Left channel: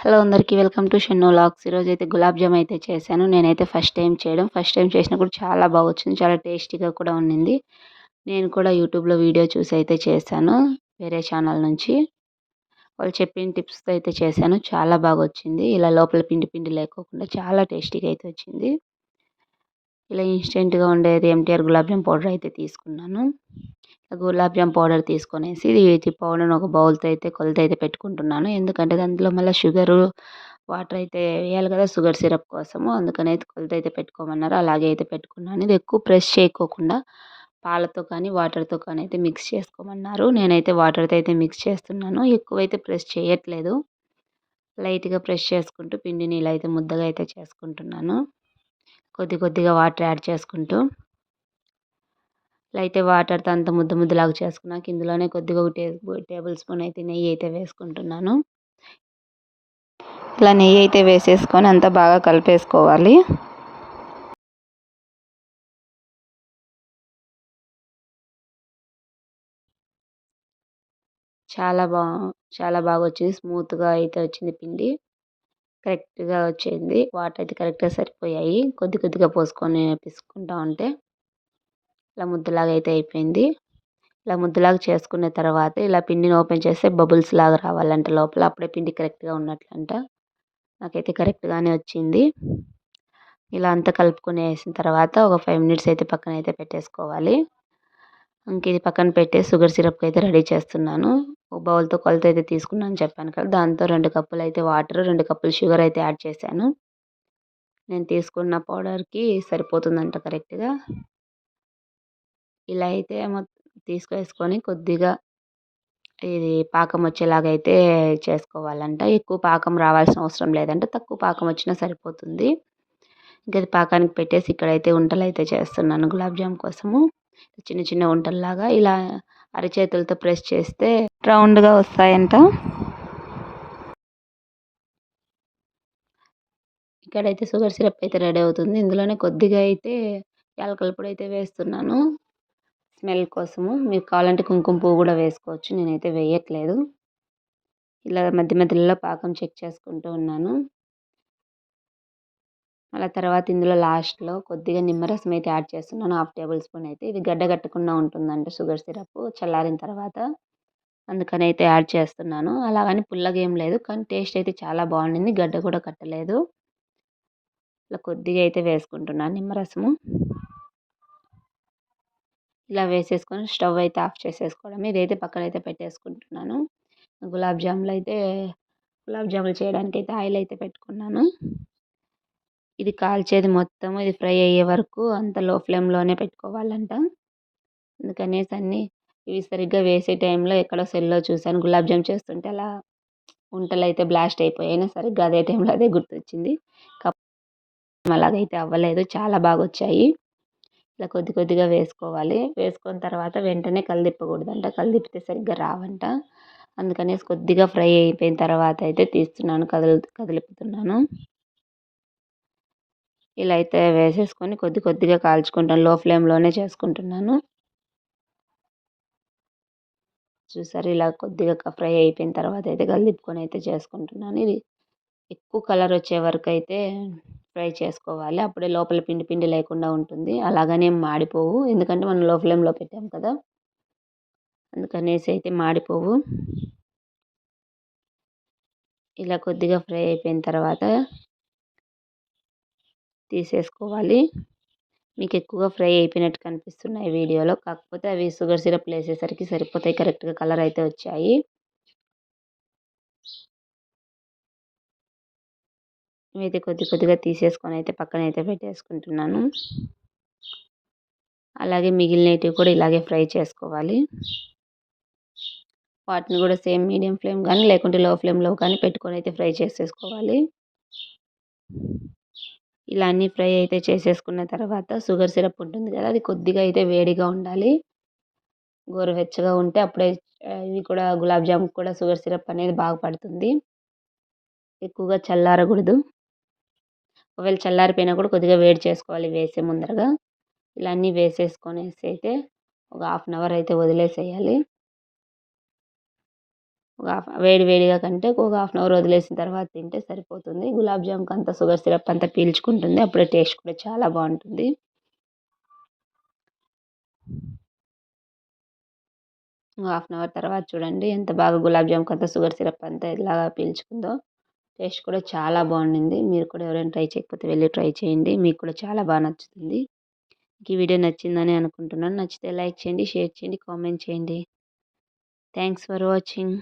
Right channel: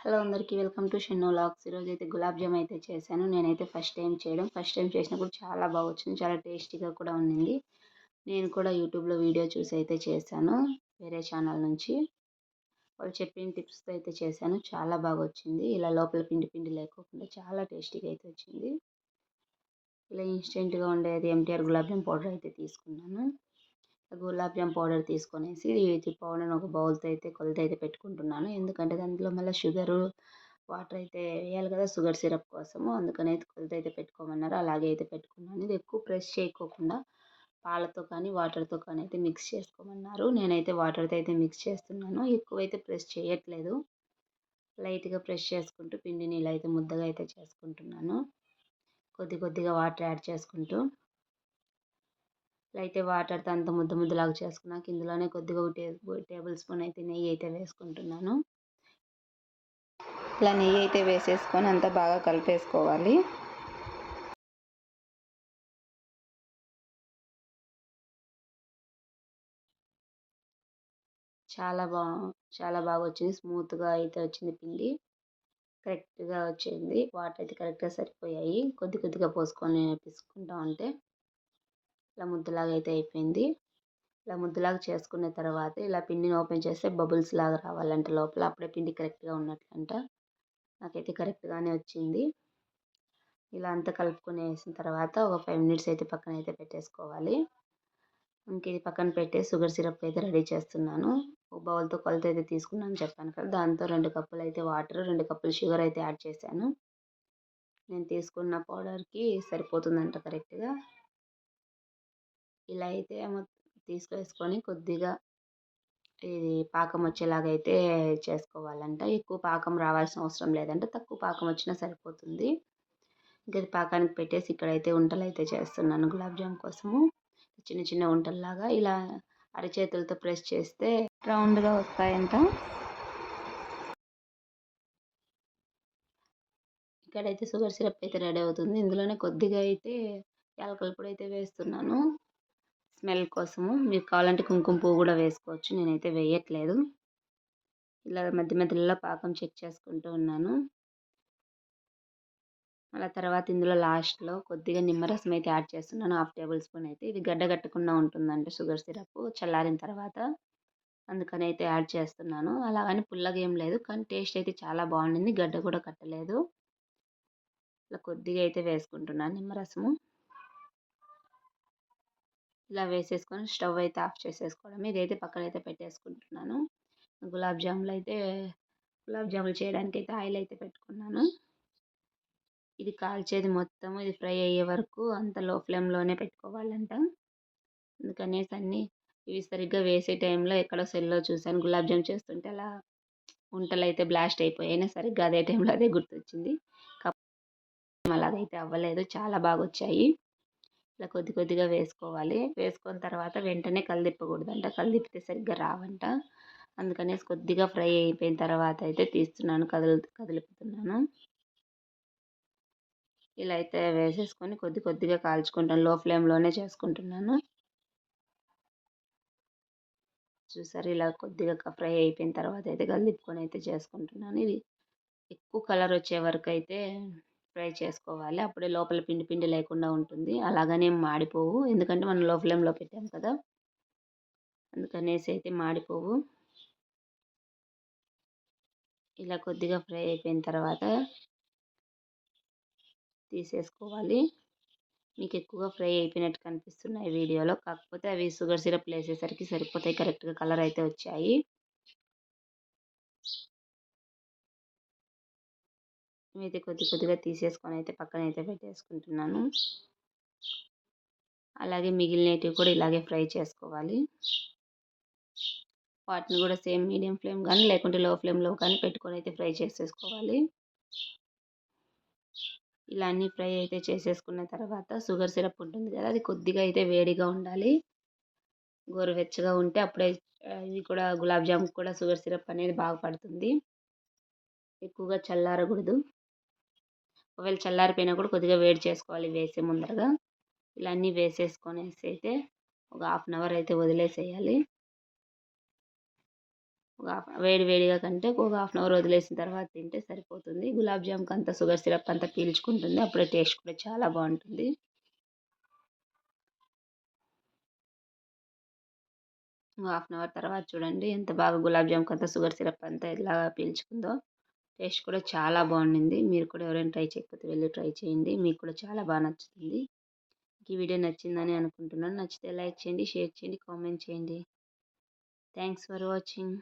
Hello అందరికీ welcome to షెన్నో lakhs. ఈరోజు అయితే గులాబ్ జామ్ అయితే చేశాను. నేనైతే ఫస్ట్ టైం చేయడం. ఫస్ట్ టైం చేసినప్పుడు చాలా బాగా వచ్చింది చాలా టేస్టీగా కూడా ఉండింది నేను కూడా యూట్యూబ్లో వీడియో చూసి అయితే చేశాను. వేరే ఛానల్ నుంచి. వాళ్ళు చెప్పిన టిప్స్తో అయితే చేశాను. చాలా బాగా వచ్చింది ఇలా లోపల పిండి పిండి లేకోకుండా చాలా టేస్టీగా అయితే వచ్చింది. ఇలా ఇన్స్టెంట్గా ఉండేది ఎంటీఆర్ గులాబ్ జామ్ పౌడర్ అయితే తీసుకున్నాను. గులాబ్ జామ్ పౌడర్ తీసుకొనేసి ఇది పౌడర్ని ఒక బౌల్తో అయితే కొలత అయితే పెట్టుకుంటున్నాను. ఎందుకంటే దాంట్లో మళ్ళీ షుగరు వాటర్ అయితే వేయాలి కదా షుగర్ సిరప్ కోసము. అందుకని అయితే కొలత అయితే పెట్టుకోమన్నారు. అలాగే అయితే పెట్టుకున్నాను. ఇది ఎక్కువ ప్రెస్ చేయకోకుండా పాలతో కానీ వాటర్తో కానీ అయితే మిక్స్ చేసుకోమన్నారు. నేనైతే వాటర్తో అయితే మిక్స్ చేస్తున్నాను. ఎక్కువైతే ప్రెస్ చేయట్లేదు. లైట్గా ప్రెస్ చేసుకుంటూ పిండిని ఇలా అయితే ముద్దగా అయితే చేసుకుంటున్నాను. కొద్ది కొద్దిగా వాటర్ యాడ్ చేసుకుంటూ. ఇలా అయితే వాటర్తో అంత ముద్ద ముద్దలాగా చేసుకున్నాక ఇందులోనే కొద్దిగా ఒక టేబుల్ స్పూన్ అయితే నెయ్యి అయితే వేసుకుంటున్నాను. ఇలా నెయ్యి అయితే వేసేసుకొని అంతా బాగా కలిపేసుకోవాలి. చాలా బా చాలా బాగా వచ్చింది. స్మూత్గా అయితే వచ్చింది పిండి. కరెక్ట్గా వచ్చింది. వాటర్ అయితే కరెక్ట్గా సరిపోయాయి. కొద్ది కొద్దిగా పోసుకొని పిసుకుంటా ఉంటే ఇలా ముద్దలాగా అయితే అయిపోయింది. ఇలా ముద్దలాగా చేసుకున్న తర్వాత ఇలా పిండిని ఓపెన్ చేస్తే బబుల్స్ లాగా రావాలంట లోపల. అప్పుడే పిండి కరెక్ట్గా ఉన్నట్లంట. నాకైతే కరెక్ట్గానే వచ్చింది. ఇలా అంతా కలుపుకొని వేసిన తర్వాత ఒక ఫైవ్ మినిట్స్ అయితే పక్కన అయితే పెట్టేసుకోవాలి. ఇంక ఇది పక్కన పెట్టే షుగర్ సిరప్ అయితే రెడీ చేస్తున్నాను. ఓ బౌల్తో కొలత అయితే తీసుకున్నాను చెప్పాను కదా. దాంతో రెండు కప్పులు అయితే వాటర్ రెండు కప్పులు షుగర్ అయితే యాడ్ చేశాను. నేను తీసుకున్న పౌడర్కి సరిపోతుందంట కరెక్ట్గా. ఇలా అయితే తీసుకేసుకొని కొద్దిగా ఇది పాకం వచ్చేలాగా అయితే చేసుకోవాలంట. ఎక్కువ పాకం రావాల్సిన అవసరం లేదంట. తక్కువ పాకం వచ్చినా సరిపోతుంది. ఇంకా పాకానికి పెట్టేసి ఇక్కడైతే వంటలు అయితే చేస్తున్నాను. గులాబ్ జామ్ కోసము. చిన్న చిన్న వంటల్లాగా ఇలా అరచేతులతో ప్రెస్ చేస్తే రౌండ్గా వస్తాయంట. ఇక్కడైతే షుగర్ సిరప్ అయితే రెడీ అవుతుంది. ఇందులోనే కొద్దిగా అయితే యాలకల పొడి అయితే వేస్తున్నాను. స్మెల్ కోసము మీకు కావాలంటే కుంకుమ పువ్వు కూడా వేసుకోవచ్చు. నేనైతే వేయట్లేదు. ఇలా మధ్య మధ్యలో పాకం చెక్ చేసుకుంటూ ఉన్నాను. అలా తర్వాత ఇందులో లాస్ట్లో కొద్దిగా నిమ్మరసం అయితే యాడ్ చేస్తున్నాను. హాఫ్ టేబుల్ స్పూన్ అయితే. ఇది గడ్డ కట్టకుండా ఉంటుందంట షుగర్ సిరప్ చల్లారిన తర్వాత. అందుకని అయితే యాడ్ చేస్తున్నాను. అలాగని పుల్లగా ఏం లేదు. కానీ టేస్ట్ అయితే చాలా బాగుండింది. గడ్డ కూడా కట్టలేదు. ఇలా కొద్దిగా అయితే వేసుకుంటున్నాను నిమ్మరసము. ఇలా వేసేసుకొని స్టవ్ అయితే ఆఫ్ చేసేసుకోవడం ఇదైతే పక్కన అయితే పెట్టేసుకుంటున్నాను. గులాబ్ జాములు అయితే గులాబ్ జాములు చేయడానికి అయితే ఆయిల్ అయితే పెట్టుకున్నాను. ఇది కాల్చేది మొత్తం ఇది ఫ్రై అయ్యే వరకు అంత లో ఫ్లేమ్లోనే పెట్టుకోవాలంట. అందుకనేసి అన్నీ ఇవి సరిగ్గా వేసే టైంలో ఎక్కడో సెల్లో చూశాను. గులాబ్ జామ్ చేస్తుంటే అలా వంటలు అయితే బ్లాస్ట్ అయిపోయాయి. సరిగ్గా అదే టైంలో అదే గుర్తొచ్చింది. అలాగైతే అవ్వలేదు. చాలా బాగా వచ్చాయి ఇలా కొద్ది కొద్దిగా వేసుకోవాలి. వేసుకున్న తర్వాత వెంటనే కలిదిప్పకూడదంట. కలిదిప్పితే సరిగ్గా రావంట. అందుకనేసి కొద్దిగా ఫ్రై అయిపోయిన తర్వాత అయితే తీస్తున్నాను. కదులు కదిలిపుతున్నాను. ఇలా అయితే వేసేసుకొని కొద్ది కొద్దిగా కాల్చుకుంటాను లో ఫ్లేమ్లోనే చేసుకుంటున్నాను. చూసారు? ఇలా కొద్దిగా ఫ్రై అయిపోయిన తర్వాత అయితే కలిదిప్పుకొని అయితే చేసుకుంటున్నాను. ఇది ఎక్కువ కలర్ వచ్చే వరకు అయితే ఫ్రై చేసుకోవాలి. అప్పుడే లోపల పిండి పిండి లేకుండా ఉంటుంది. అలాగనే మాడిపోవు. ఎందుకంటే మనం లో ఫ్లేమ్లో పెట్టాం కదా! అందుకనేసి అయితే మాడిపోవు. ఇలా కొద్దిగా ఫ్రై అయిపోయిన తర్వాత తీసేసుకోవాలి. మీకు ఎక్కువగా ఫ్రై అయిపోయినట్టు కనిపిస్తున్నాయి వీడియోలో. కాకపోతే అవి షుగర్ సిరప్లు వేసేసరికి సరిపోతాయి. కరెక్ట్గా కలర్ అయితే వచ్చాయి. ఇవైతే కొద్ది కొద్దిగా తీసేసుకొని అయితే పక్కన అయితే పెట్టేసుకుంటున్నాను. అలాగే మిగిలినవి కూడా ఇలాగే ఫ్రై చేసుకోవాలి. వాటిని కూడా సేమ్ మీడియం ఫ్లేమ్ కానీ లేకుంటే లో ఫ్లేమ్లో కానీ పెట్టుకొని అయితే ఫ్రై చేసేసుకోవాలి. ఇలా అన్నీ ఫ్రై అయితే చేసేసుకున్న తర్వాత షుగర్ సిరప్ ఉంటుంది కదా అది కొద్దిగా అయితే వేడిగా ఉండాలి. గోరువెచ్చగా ఉంటే అప్పుడే ఇవి కూడా గులాబ్ జామ్ కూడా షుగర్ సిరప్ అనేది బాగా పడుతుంది. ఎక్కువగా చల్లారకూడదు. ఒకవేళ చల్లారిపోయినా కూడా కొద్దిగా వేడి చేసుకోవాలి. వేసే ముందరగా ఇలా అన్నీ వేసేసుకొనేసి అయితే ఒక హాఫ్ అన్ అవర్ అయితే వదిలేసేయాలి. ఒక హాఫ్ వేడి వేడిగా కంటే ఒక హాఫ్ అన్ అవర్ వదిలేసిన తర్వాత తింటే సరిపోతుంది. గులాబ్ జామ్కి అంతా షుగర్ సిరప్ అంతా పీల్చుకుంటుంది. అప్పుడే టేస్ట్ కూడా చాలా బాగుంటుంది. హాఫ్ అన్ అవర్ తర్వాత చూడండి ఎంత బాగా గులాబ్ జామ్కి అంతా షుగర్ సిరప్ అంతా ఇలాగా పీల్చుకుందో. టేస్ట్ కూడా చాలా బాగుండింది. మీరు కూడా ఎవరైనా ట్రై చేయకపోతే వెళ్ళి ట్రై చేయండి. మీకు కూడా చాలా బాగా నచ్చుతుంది. ఈ వీడియో నచ్చిందని అనుకుంటున్నాను. నచ్చితే లైక్ చేయండి షేర్ చేయండి కామెంట్ చేయండి. Thanks for watching.